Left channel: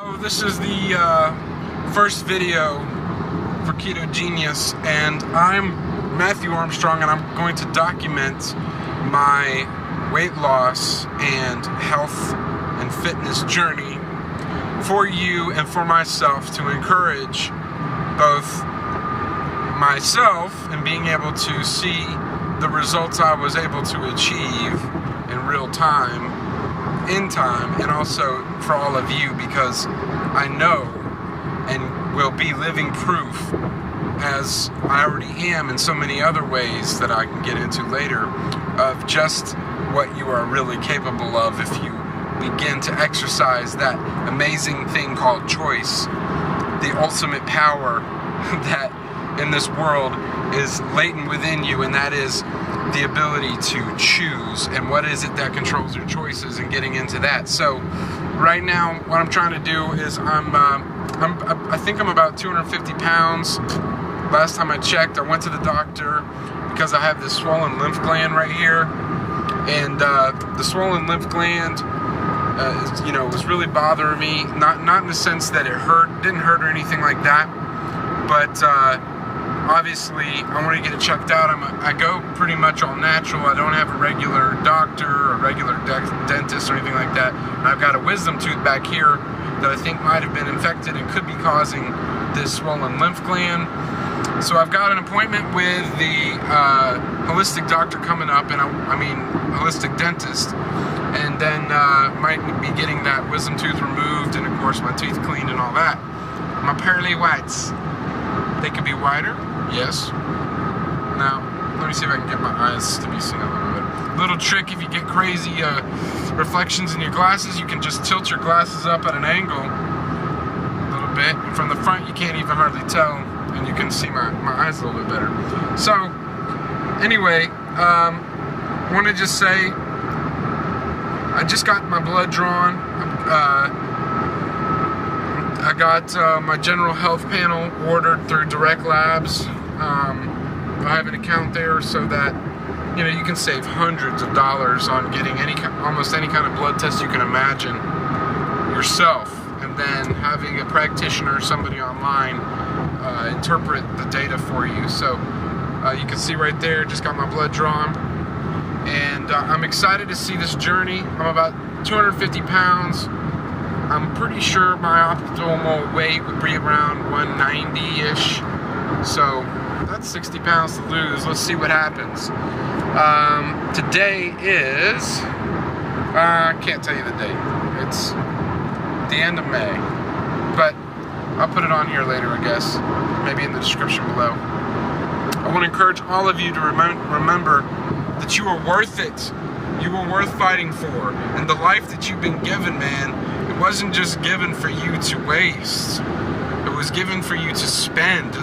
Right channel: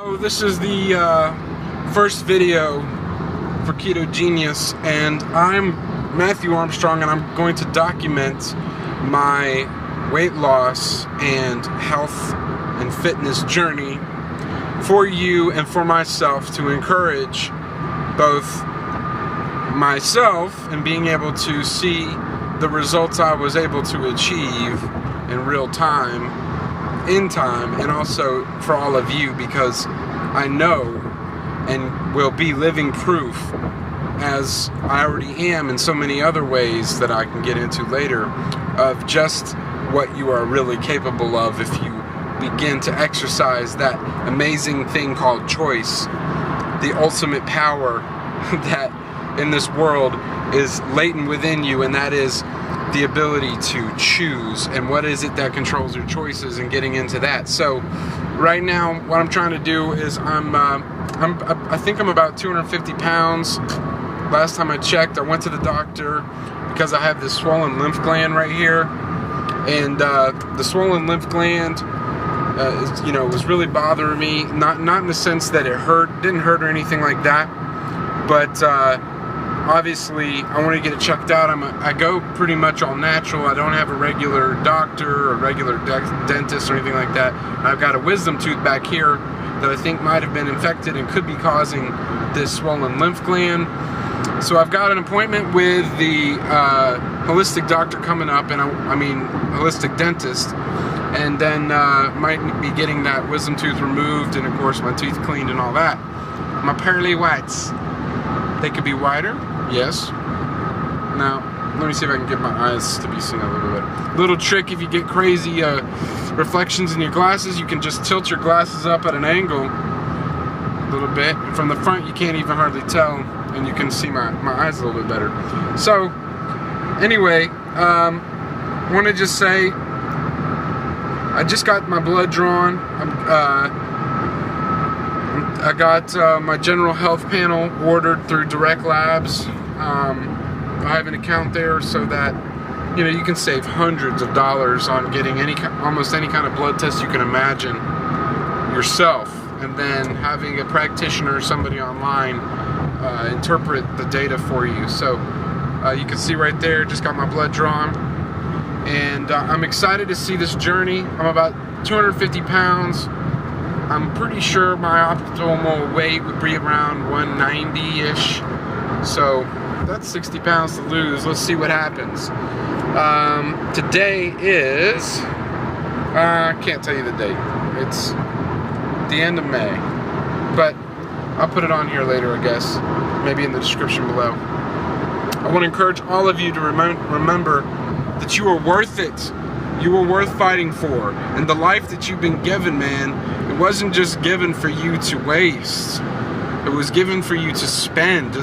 So this is the first video for Keto Genius, and I'm Matthew Armstrong, and I'm going to document my weight loss and health and fitness journey for you and for myself to encourage both myself in being able to see the results I was able to achieve in real time, and also for all of you, because I know and will be living proof, as I already am in so many other ways that I can get into later, of just what you are really capable of if you begin to exercise that amazing thing called choice, the ultimate power that in this world is latent within you, and that is the ability to choose. And what is it that controls your choices, and getting into that. So right now what I'm trying to do is I think I'm about 250 pounds. Last time I checked, I went to the doctor because I have this swollen lymph gland right here, and the swollen lymph gland was really bothering me, not in the sense that it didn't hurt or anything like that, but obviously I want to get it checked out. I go pretty much all natural. I don't have a regular doctor or regular dentist or anything like that. And I've got a wisdom tooth back here that I think might have been infected and could be causing this swollen lymph gland. So I've got an appointment with the holistic doctor coming up, and holistic dentist, and then might be getting that wisdom tooth removed, and of course my teeth cleaned and all that. My pearly whites, they could be whiter, yes. Now let me see if I can get my eyes to be seen a little bit. Little trick: if you get crazy reflections in your glasses, you can just tilt your glasses up at an angle a little bit. From the front you can't even hardly tell, and you can see my eyes a little bit better. So anyway, I want to just say I just got my blood drawn. I got my general health panel ordered through Direct Labs. I have an account there so that you can save hundreds of dollars on getting almost any kind of blood test you can imagine yourself, and then having a practitioner or somebody online interpret the data for you. So you can see right there, just got my blood drawn, and I'm excited to see this journey. I'm about 250 pounds. I'm pretty sure my optimal weight would be around 190-ish. So that's 60 pounds to lose. Let's see what happens. Today is, I can't tell you the date. It's the end of May. But I'll put it on here later, I guess. Maybe in the description below. I want to encourage all of you to remember that you are worth it. You are worth fighting for. And the life that you've been given, man, it wasn't just given for you to waste. It was given for you to spend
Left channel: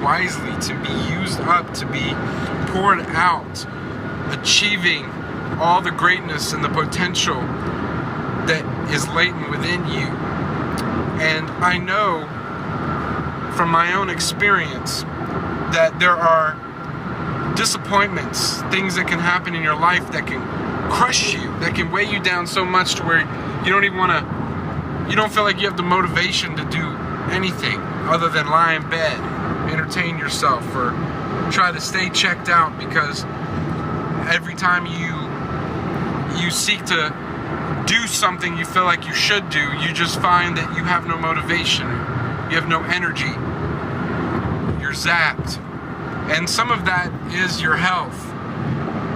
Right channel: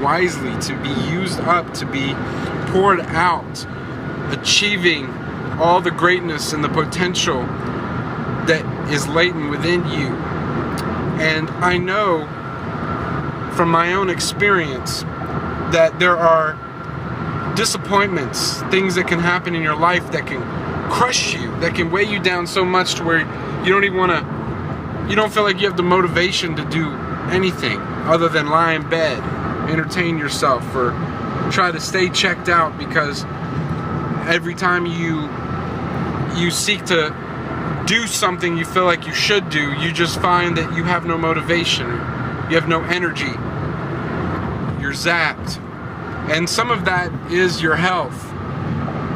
wisely, to be used up, to be poured out, achieving all the greatness and the potential that is latent within you. And I know from my own experience that there are disappointments, things that can happen in your life that can crush you, that can weigh you down so much to where you don't feel like you have the motivation to do anything other than lie in bed, entertain yourself, or try to stay checked out, because every time you seek to do something you feel like you should do, you just find that you have no motivation, you have no energy, you're zapped. And some of that is your health,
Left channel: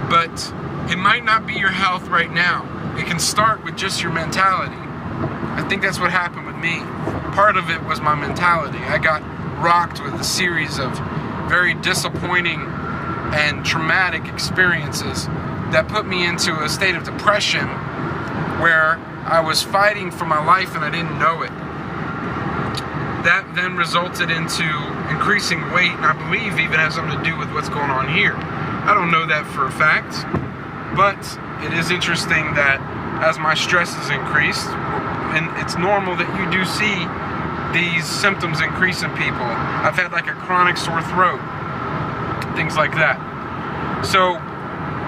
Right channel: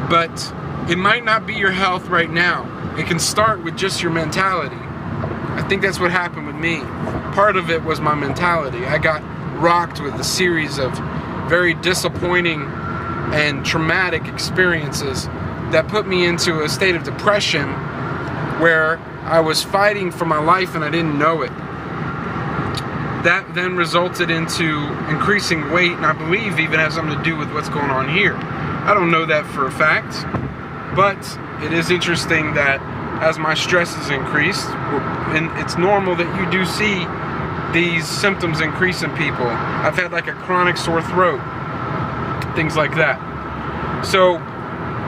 but it might not be your health right now. It can start with just your mentality. I think that's what happened with me. Part of it was my mentality. I got rocked with a series of very disappointing and traumatic experiences that put me into a state of depression where I was fighting for my life and I didn't know it. That then resulted into increasing weight, and I believe even has something to do with what's going on here. I don't know that for a fact, but it is interesting that as my stress has increased, and it's normal that you do see these symptoms increase in people. I've had like a chronic sore throat, things like that. So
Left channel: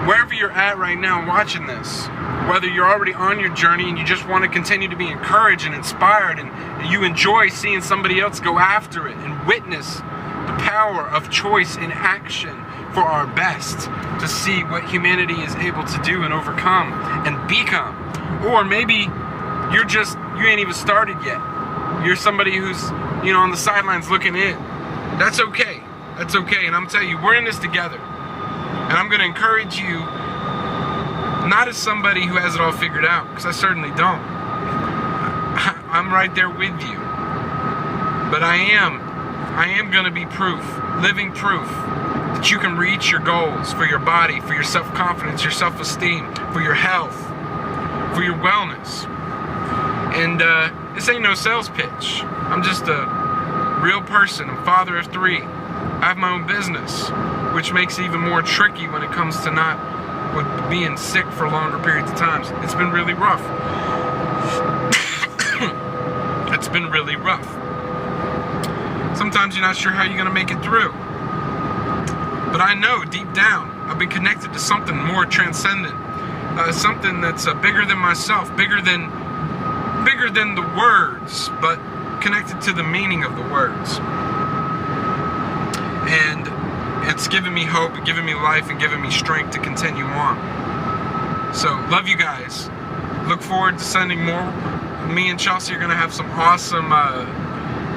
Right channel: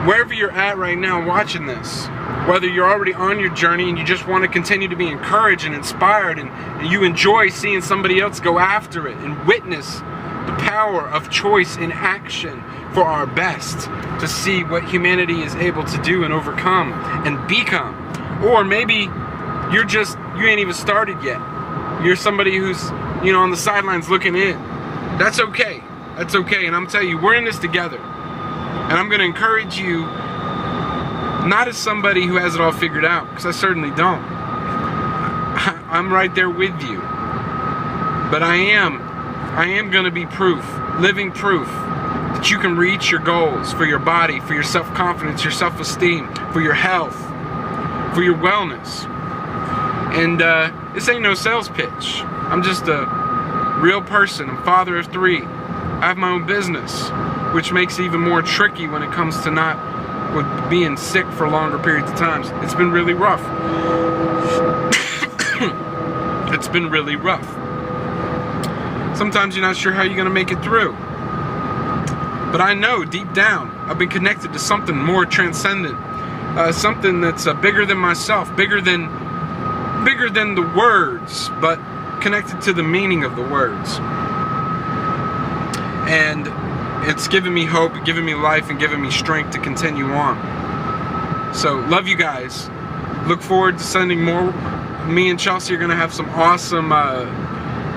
wherever you're at right now watching this, whether you're already on your journey and you just want to continue to be encouraged and inspired, and you enjoy seeing somebody else go after it and witness the power of choice in action for our best, to see what humanity is able to do and overcome and become. Or maybe you ain't even started yet. You're somebody who's, on the sidelines looking in. That's okay. That's okay. And I'm telling you, we're in this together. And I'm going to encourage you, not as somebody who has it all figured out, because I certainly don't. I'm right there with you. But I am going to be proof, living proof, that you can reach your goals for your body, for your self-confidence, your self-esteem, for your health, for your wellness. And this ain't no sales pitch. I'm just a real person. I'm a father of 3. I have my own business, which makes it even more tricky when it comes to with being sick for longer periods of times. It's been really rough. It's been really rough. Sometimes you're not sure how you're going to make it through. But I know deep down I've been connected to something more transcendent, something that's bigger than myself, bigger than the words, but connected to the meaning of the words. And it's given me hope, given me life, and given me strength to continue on. So, love you guys. Look forward to sending more. Me and Chelsea are going to have some awesome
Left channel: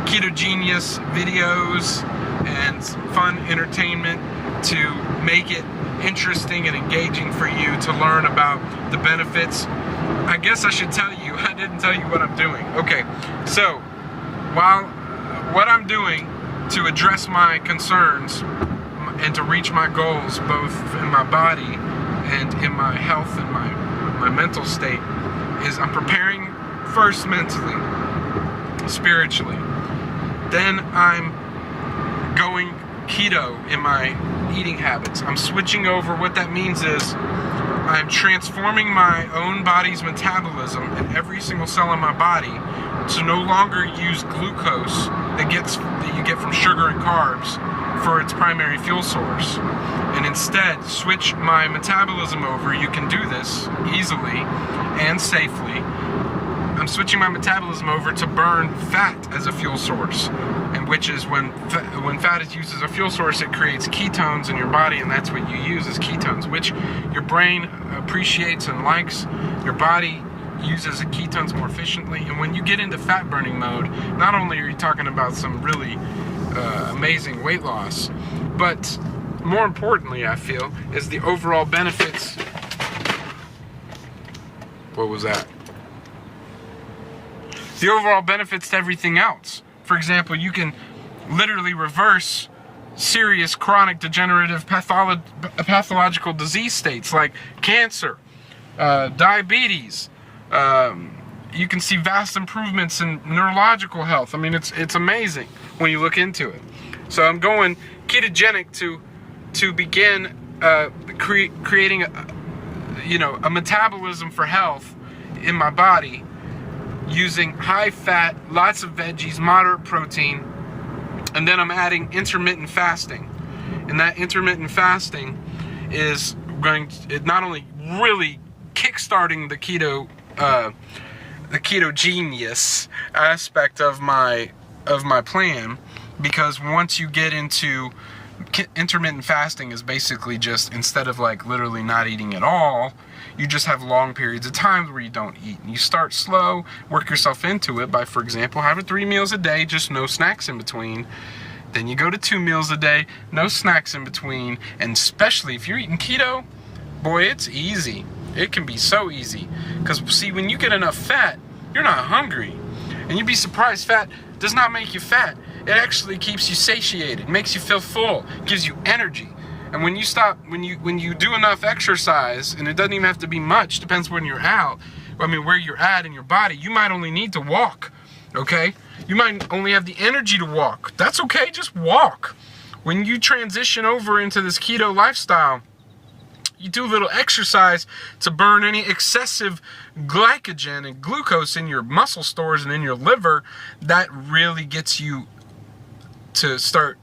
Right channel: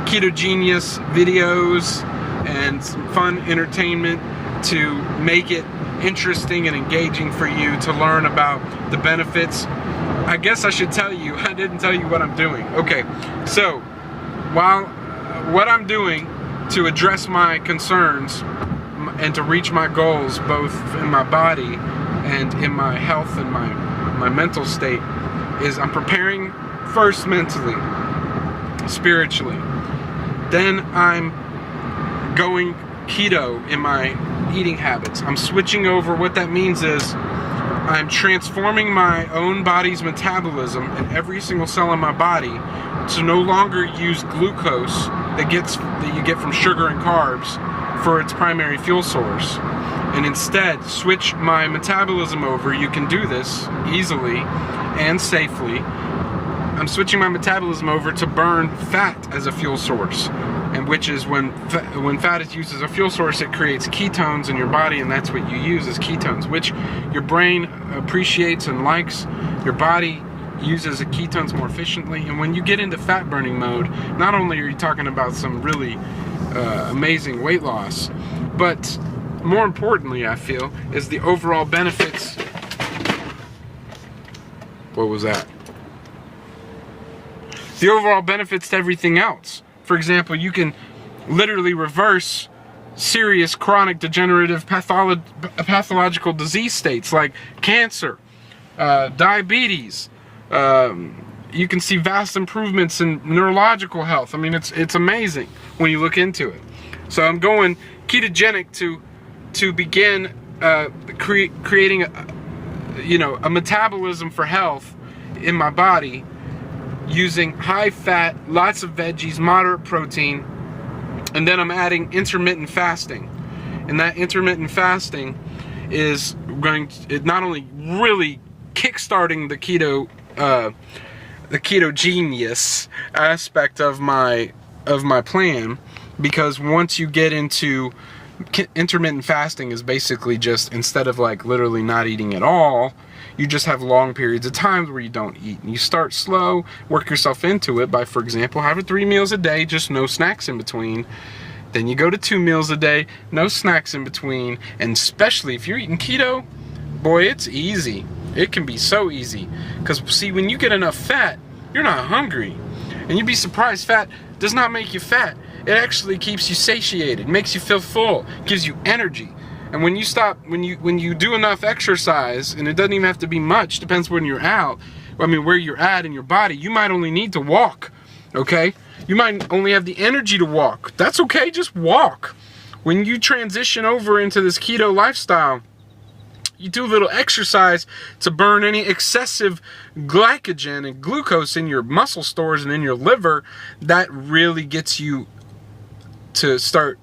ketogenius videos and some fun entertainment to make it interesting and engaging for you to learn about the benefits. I guess I should tell you, I didn't tell you what I'm doing. Okay, so what I'm doing to address my concerns and to reach my goals, both in my body and in my health and my mental state, is I'm preparing first mentally, spiritually. Then I'm going keto in my eating habits. I'm switching over. What that means is I'm transforming my own body's metabolism in every single cell in my body to no longer use glucose that you get from sugar and carbs for its primary fuel source, and instead switch my metabolism over. You can do this easily and safely. I'm switching my metabolism over to burn fat as a fuel source, and which is when fat is used as a fuel source, it creates ketones in your body, and that's what you use as ketones, which your brain appreciates and likes. Your body uses the ketones more efficiently, and when you get into fat burning mode, not only are you talking about some really amazing weight loss, but more importantly, I feel, is the overall benefits. What was that? The overall benefits to everything else. For example, you can literally reverse serious chronic degenerative pathological disease states like cancer, diabetes. You can see vast improvements in neurological health. I mean, it's amazing when you look into it. So I'm going ketogenic to begin creating a metabolism for health in my body, using high fat, lots of veggies, moderate protein, and then I'm adding intermittent fasting. And that intermittent fasting is not only really kickstarting the ketogenius aspect of my plan, because once you get into intermittent fasting is basically just, instead of like literally not eating at all, you just have long periods of time where you don't eat. And you start slow, work yourself into it by, for example, having 3 meals a day, just no snacks in between. Then you go to 2 meals a day, no snacks in between. And especially if you're eating keto, boy, it's easy. It can be so easy. Because, see, when you get enough fat, you're not hungry. And you'd be surprised, fat does not make you fat. It actually keeps you satiated, makes you feel full, gives you energy. And when you do enough exercise, and it doesn't even have to be much, depends when you're out, where you're at in your body, you might only need to walk, okay? You might only have the energy to walk. That's okay, just walk. When you transition over into this keto lifestyle, you do a little exercise to burn any excessive glycogen and glucose in your muscle stores and in your liver. That really gets you to start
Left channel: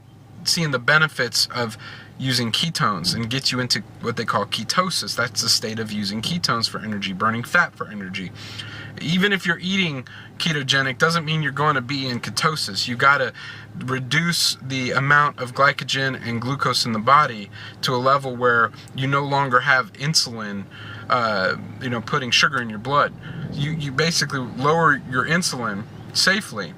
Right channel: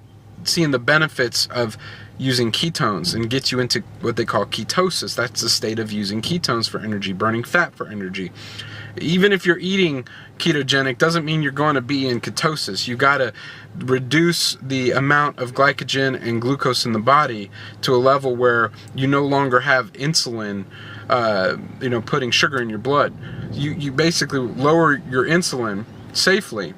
seeing the benefits of using ketones and get you into what they call ketosis. That's the state of using ketones for energy, burning fat for energy. Even if you're eating ketogenic, doesn't mean you're going to be in ketosis. You got to reduce the amount of glycogen and glucose in the body to a level where you no longer have insulin, putting sugar in your blood. You basically lower your insulin safely,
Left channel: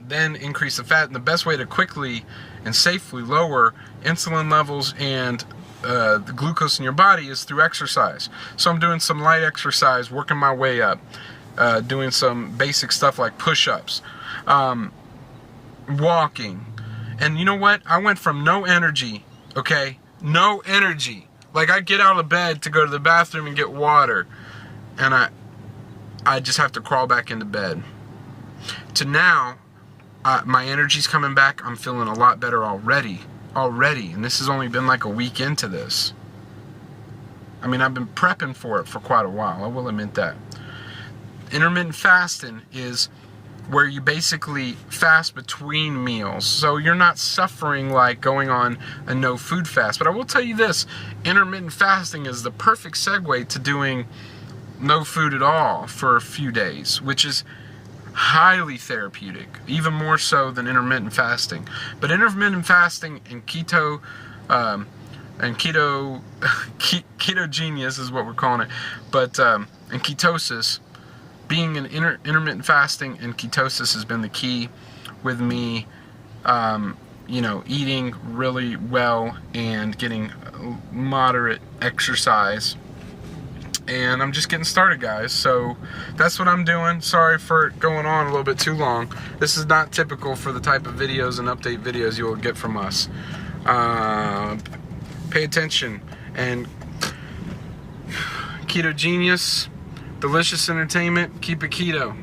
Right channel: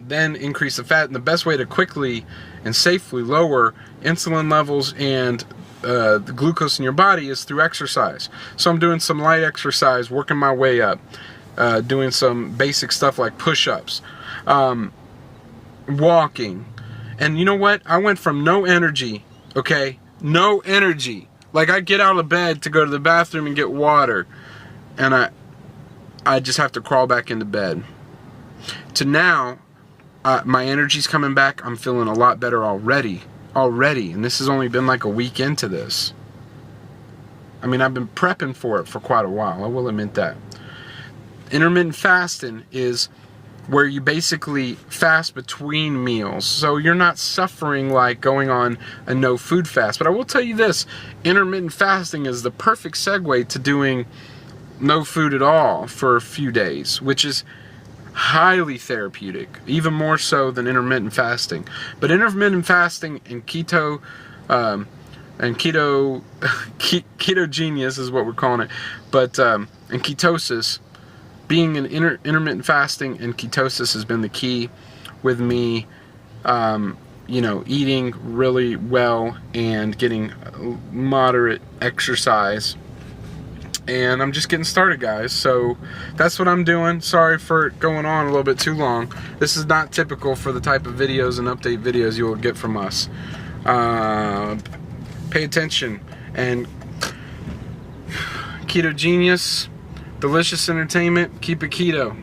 then increase the fat. And the best way to quickly and safely lower insulin levels and the glucose in your body is through exercise. So I'm doing some light exercise, working my way up, doing some basic stuff like push-ups, walking. And you know what? I went from no energy, no energy. Like, I get out of bed to go to the bathroom and get water, and I just have to crawl back into bed, to now my energy's coming back. I'm feeling a lot better already, and this has only been like a week into this. I mean, I've been prepping for it for quite a while, I will admit that. Intermittent fasting is where you basically fast between meals, so you're not suffering like going on a no food fast. But I will tell you this, intermittent fasting is the perfect segue to doing no food at all for a few days, which is highly therapeutic, even more so than intermittent fasting. But intermittent fasting and keto, ketogenius is what we're calling it, but and ketosis, being in intermittent fasting and ketosis has been the key with me, eating really well and getting moderate exercise. And I'm just getting started, guys. So that's what I'm doing. Sorry for going on a little bit too long. This is not typical for the type of videos and update videos you will get from us. Pay attention. And Keto Genius, delicious entertainment, keep it keto.